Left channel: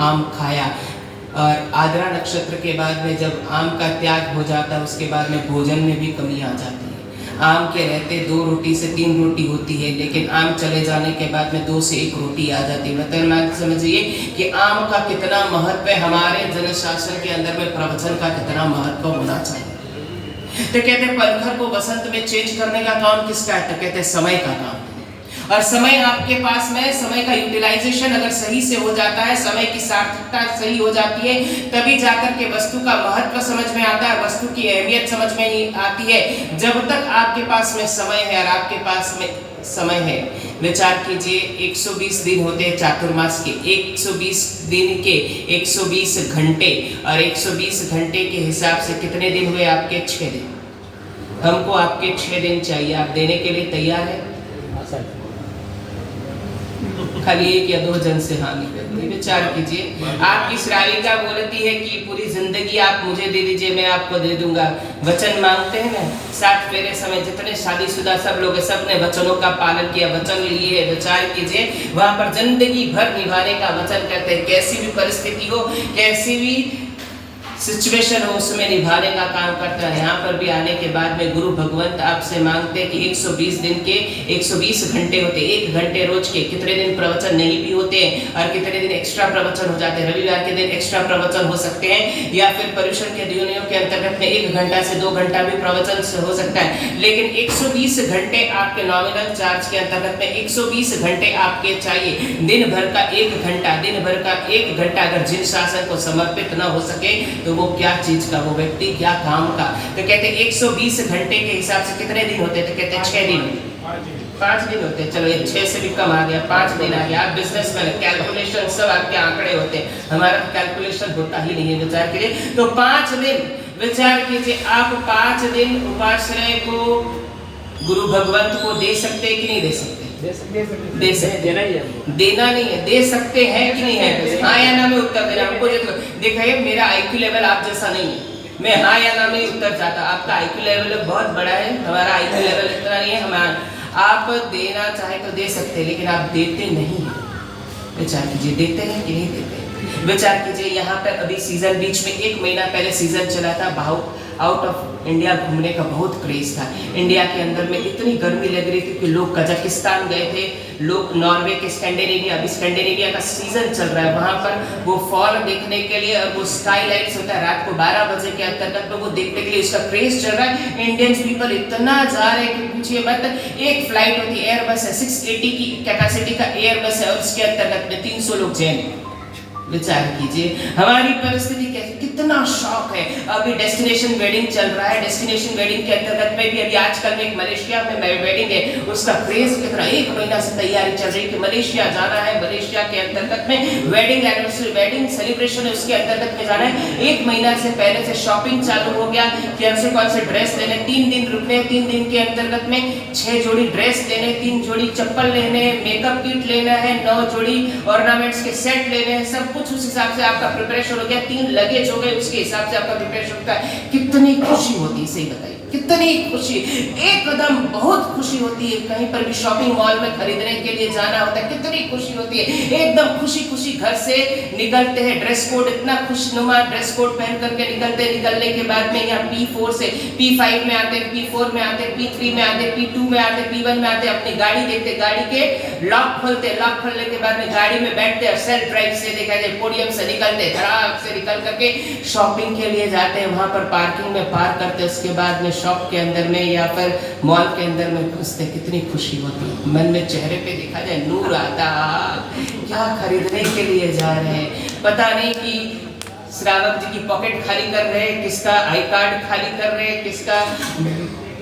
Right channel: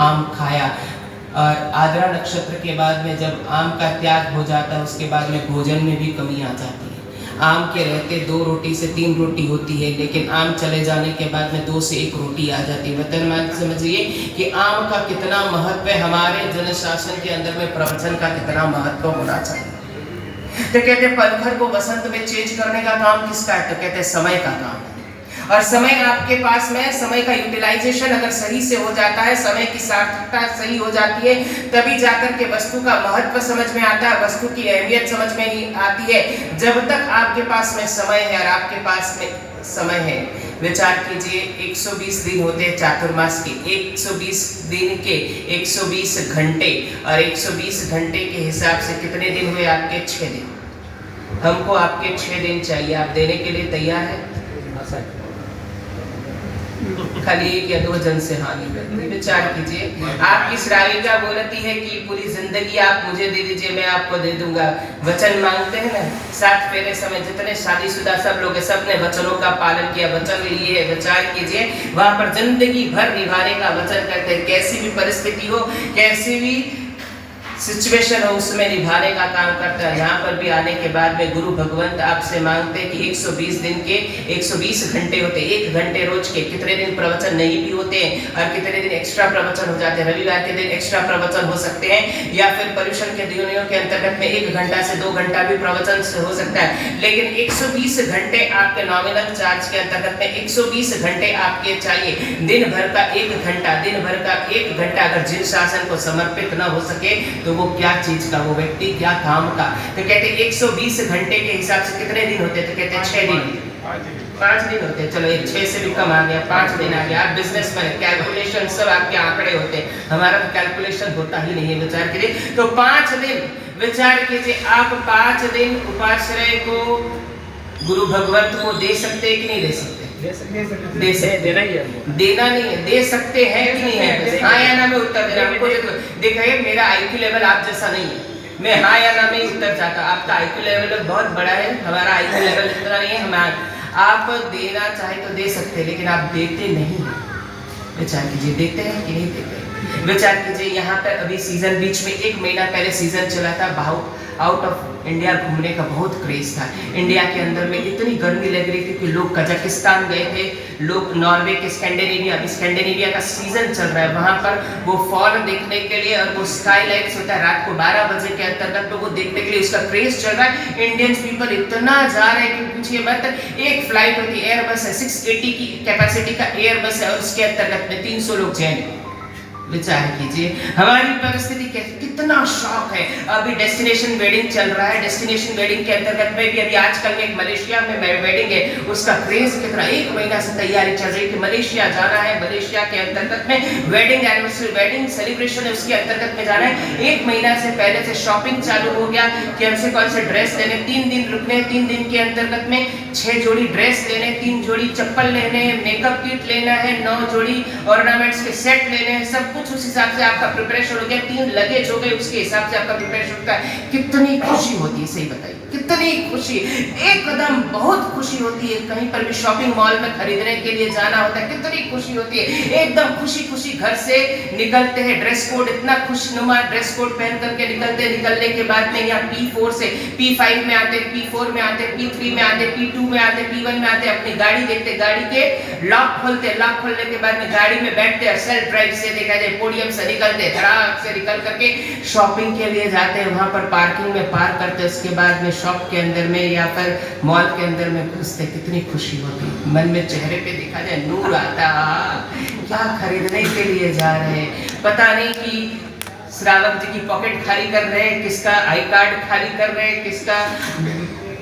आम खाया, और आद्रा नक्षत्र के बाद में जब आम का त्याग हो जाता है उसके बाद में भोजन में भी कमी आ जाती है। आम के रहते 2 रोटी से 3 रोटी होती है, लेकिन आम चले जाने के बाद में 2 से 1 रोटी आ जाती है। मतलब समझिए कि आम का कितना महत्व है, हमारे जनशासन के अंदर में प्रवचन का कितना महत्व होना चाहिए। तो कहते हैं पलखर को बसंत में चेंज करने का काम किसका है? तो कहते हैं समय का काम है। और समय आपके पास में, समय का यूटिलाइजेशन अगर सही से हो जाता है, समय की सार्थकता सही हो जाती है, तभी जाकर के वस्तु का महत्व समझ में आता है, वस्तु की अहमियत समझ में ही आती है। जब तक आपके पास में समय है और आपके पास में समय है, विचार कीजिए 120 दिन होते हैं चातुर्मास के, 120 दिन के 120 घंटे, और 120 घंटे के हिसाब से कितने दिन हुए आपके? 6 दिन। हमको आपके 6 दिन चाहिए, आप देने के लिए तैयार है? खाली 1 या 2 जन से हानि करती। विचार कीजिए, आपकी श्राविका बोलती है कि पूरी जिंदगी आप मुझे दे दीजिए, मैं आपको दे दूंगा। वचन मांगते हैं ना, 60 पहले समय जितने शादीशुदा सब लोग, सबने वचनों का पालन किया, वचन लिए। विचार कीजिए, वहां पर जिंदगी भर निभाने का वचन कहते हैं। कैसी भी परिस्थिति हो, कैसी भी सिचुएशन हो, उसमें निभाने का काम करता है। यहाँ पर भी आने के बाद में गुरु भगवंत आपसे मांगते हैं कि 120 दिन के 120 घंटे होते, 1 घंटे रोज के। कितने दिन प्रवचन नहीं भी होते और कितने दिन एक्स्ट्रा प्रवचन हो जाते हैं। रविवार के दिन एक्स्ट्रा प्रवचन हो सकते हैं, या फिर पर्यूषण के दिनों के अंतर्गत में 1 घंटा से 2 घंटा भी प्रवचन से हो सकता है। लेकिन 120 घंटे आपके नॉमिनल चार्ज के अंतर्गत में 120 घंटे आपके चाहिए। दिन भर का 1 घंटा, दिन भर का 1 घंटा अगर जिन शासन को समर्पित न हो सके तो वो क्या चीज का, वो व्यक्ति क्या काम का। तो कहते 120 घंटे के हिसाब से कितने दिन होते? तो कहते 6 दिन, 5 दिन होते। चलो ये 6 से भी कम आ गया, 5 दिन आ गया। आप बिजनेसमैन, कैलकुलेशन सब आपके आंकड़े होते हैं, हमारा कैलकुलेशन होता ही नहीं है। विचार कीजिए, तो 5 दिन, विचार कीजिए, आप 5 दिन उपाश्रय को गुरु भगवंत को दे सकते हैं कि नहीं दे सकते? दे सकते, देना ही है, देना नहीं है, दे सकते हैं कि नहीं है? हाँ या ना में उत्तर देना। हमको देखिए, मेरा आईक्यू लेवल आप जैसा नहीं है, मैं हाँ या ना में उत्तर चाहता। आपका आईक्यू लेवल बहुत बड़ा है, हमारा आईक्यू लेवल इतना नहीं है। हम आप देना चाहे तो दे सकते, लेकिन आप देते नहीं। विचार कीजिए, देते हैं कि नहीं देते? विचार कीजिए, यहाँ पर अभी सीजन, बीच में 1 महीना पहले सीजन चला था, आउट ऑफ इंडिया घूमने का बहुत क्रेज था। इंडिया के अंदर में इतनी गर्मी लग रही थी कि लोग कजाकिस्तान गए थे, लोग नॉर्वे के, स्कैंडिनेविया, अभी स्कैंडिनेविया का सीजन चल रहा है, वहां पर वो फॉल देखने के लिए, और वो स्काई लाइट्स होता है रात को 12 बजे के अंतर्गत, तो वो देखने के लिए उसका क्रेज चल रहा है। इंडियंस पीपल इतना जा रहे हैं कि पूछिए मत। एक फ्लाइट होती है, एयरबस है, 680 की कैपेसिटी का एयरबस है, और उसके अंतर्गत में 300 लोग जैन। विचार कीजिए हमारी परिस्थिति कैसी, कितना शौक है। अभी डेस्टिनेशन वेडिंग चल रहा है, डेस्टिनेशन वेडिंग के अंतर्गत में भी अभी आजकल में एक मलेशिया में वेडिंग है, उसका क्रेज कितना, 1 महीना से तैयारी चल रही है कि मलेशिया जाना है। मलेशिया के अंतर्गत में वेडिंग एनिवर्सरी, वेडिंग सेलिब्रेशन है, उसके अंतर्गत में जाना है। 1 महीना से पहले से शॉपिंग चालू हो गया कि हमसे कौन से ड्रेस लेने, 3 दिन रुकने, 3 दिन के अंतर्गत में 6 जोड़ी ड्रेस लेने, 3 जोड़ी चप्पल लेने, मेकअप किट लेना है, 9 जोड़ी ऑर्नामेंट्स के सेट लेने हैं, सब कुछ उस हिसाब से आपका प्रिपरेशन हो गया। 3 लगेज हो गए, उसके हिसाब से आपका प्रिपरेशन होता है। कितनी खुशी होती है, सही बताइए, कितनी खुशी, एकदम बहुत खुशी होती है। कहीं पर भी शॉपिंग मॉल में खरीदने के लिए जाना होता है, कितनी खुशी होती है, एकदम खुशी खुशी घर से निकलते हैं। ड्रेस कोड इतना खुशनुमा ड्रेस कोड पहन करके निकलते हैं। निकलने के बाद में यहाँ P4 से P5 में आते, P4 में आते, P3 में आते, P2 में आते, P1 में आते, अपनी गाड़ी देखते, गाड़ी के लॉक खोलते, लॉक खोलने के बाद में गाड़ी में बैठते और सेल्फ ड्राइव से देखा जाए पोडियम से निकलते, धड़ाक से निकल करके शॉपिंग के लिए जाते हैं। वहां पर पार्किंग में पार्क करते, उसके बाद में शॉप के अंदर में या फिर मॉल के अंदर में घुसते, कितनी खुशी होती है। मन में चेहरे पे देखा जाए नूर आता, क्या खरीदने के लिए जा रहे हैं, पता नहीं कि श्रावक जी की पॉकेट खाली कर रहे हैं, किसका आई कार्ड खाली कर रहे हैं, किसका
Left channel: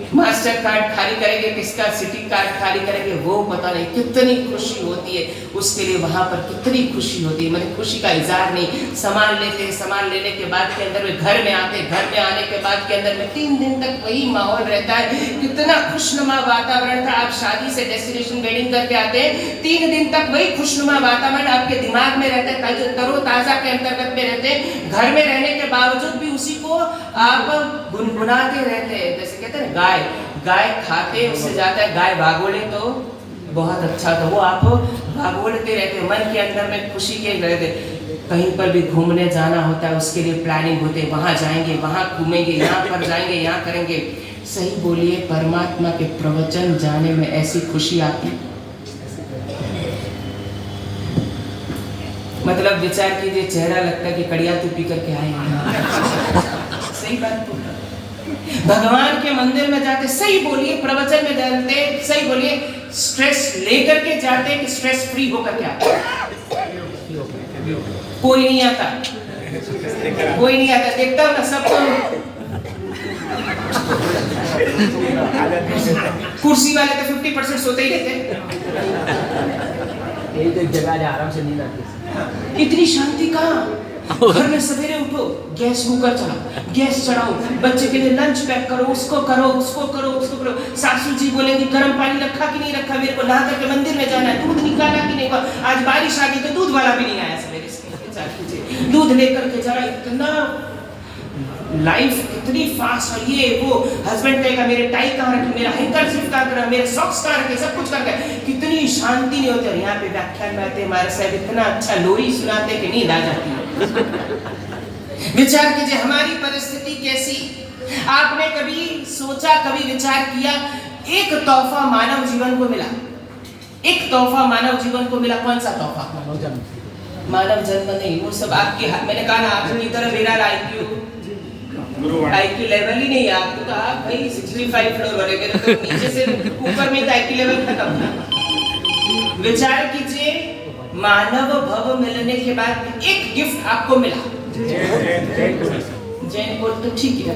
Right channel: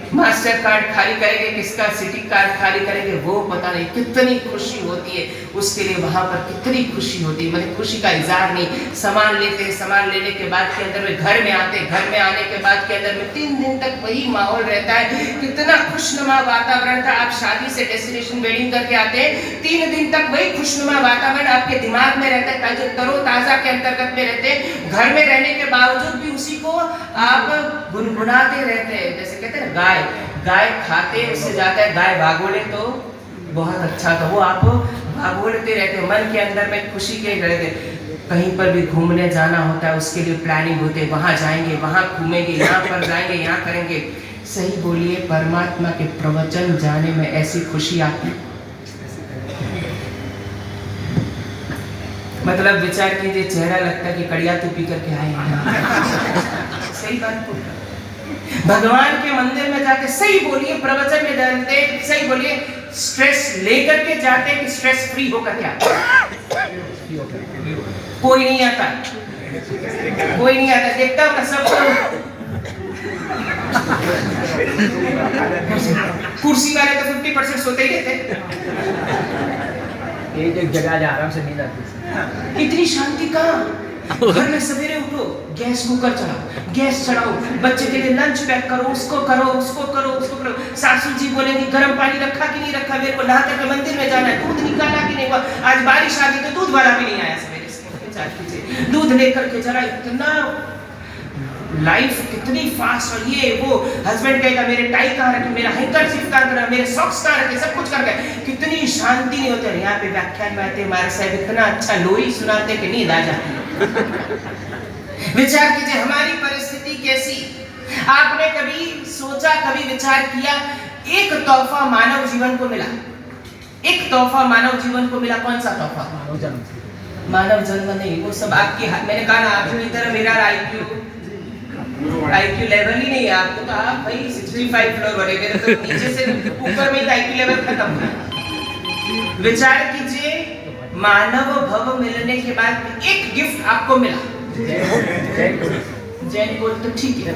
मास्टर कार्ड खाली करेंगे, किसका सिटी कार्ड खाली करेंगे, वो पता नहीं। कितनी खुशी होती है उसके लिए, वहां पर कितनी खुशी होती है। मैंने खुशी का इजहार नहीं, सामान लेते हैं, सामान लेने के बाद के अंदर में घर में आते, घर में आने के बाद के अंदर में 3 दिन तक वही माहौल रहता है, कितना खुशनुमा वातावरण था। आप शादी से डेस्टिनेशन वेडिंग करके आते हैं, 3 दिन तक वही खुशनुमा वातावरण आपके दिमाग में रहता है, जो तरोताजा के अंतर्गत में रहते हैं। घर में रहने के बावजूद भी उसी को आप गुनगुनाते रहते हैं। जैसे कहते हैं गाय, गाय खाते उससे जाता है, गाय भागोले तो बहुत अच्छा था, वो आप भागोलते रहते, मन के अंदर में खुशी के रहते। कहीं पर भी घूमने जाना होता है उसके लिए प्लानिंग होते है, वहाँ जाएंगे, वहाँ घूमेंगे, यहाँ पर जाएंगे, यहाँ करेंगे। सही बोलिए, परमात्मा के प्रवचन जाने में ऐसी खुशी आती, मतलब विचार कीजिए, चेहरा लगता है कि कड़िया तो पी करके आए हैं। सही बात बोल, भगवान के मंदिर में जाते, सही बोलिए, प्रवचन में जाते, सही बोलिए, स्ट्रेस लेकर के जाते कि स्ट्रेस फ्री होकर के आते? कोई नहीं आता, कोई नहीं आता, देखता हूँ ना सबको। कुर्सी वाले तो 50% सोते ही रहते, एक जगह आराम से नींद आती। इतनी शांति कहाँ? घर में सवेरे उठो, गैस कुकर चलाओ, गैस चढ़ाओ, बच्चे के लिए लंच पैक करो, उसको करो, उसको करो, उसको करो। सासू जी बोलेंगे गर्म पानी रखा कि नहीं रखा, मेरे को नहा करके मंदिर में जाना है, दूध निकाला कि नहीं, आज बारिश आ गई तो दूध वाला भी नहीं आया सवेरे से, दूध लेकर के जरा, इतना लाइफ कितनी फास्ट। और ये वो हस्बैंड कहेगा मेरे टाई कहाँ रखे, मेरा हैंकरचीफ कहाँ रखा, मेरे सॉक्स कहाँ रखे, सब कुछ करके कितनी शांति नहीं होती। यहाँ पे व्याख्यान में आते हमारे साहब इतना अच्छा लोरी सुनाते कि नींद आ जाती है। विचार कीजिए हमारी परिस्थिति कैसी। आपने कभी सोचा, कभी विचार किया, एक तोहफा मानव जीवन को मिला, एक तोहफा मानव जीवन को मिला, कौन सा तोहफा? मानव जन्म। मानव जन्म नहीं, वो सब आपके हाथ। मैंने कहा ना आपकी तरह मेरा आईक्यू लेवल ही नहीं है। आपको तो आप भाई 65 फ्लोर बढ़ेंगे तो नीचे से ऊपर में आईक्यू लेवल खत्म है। विचार कीजिए, मानव भव मिलने के बाद एक गिफ्ट आपको मिला, जैन को तो ठीक है,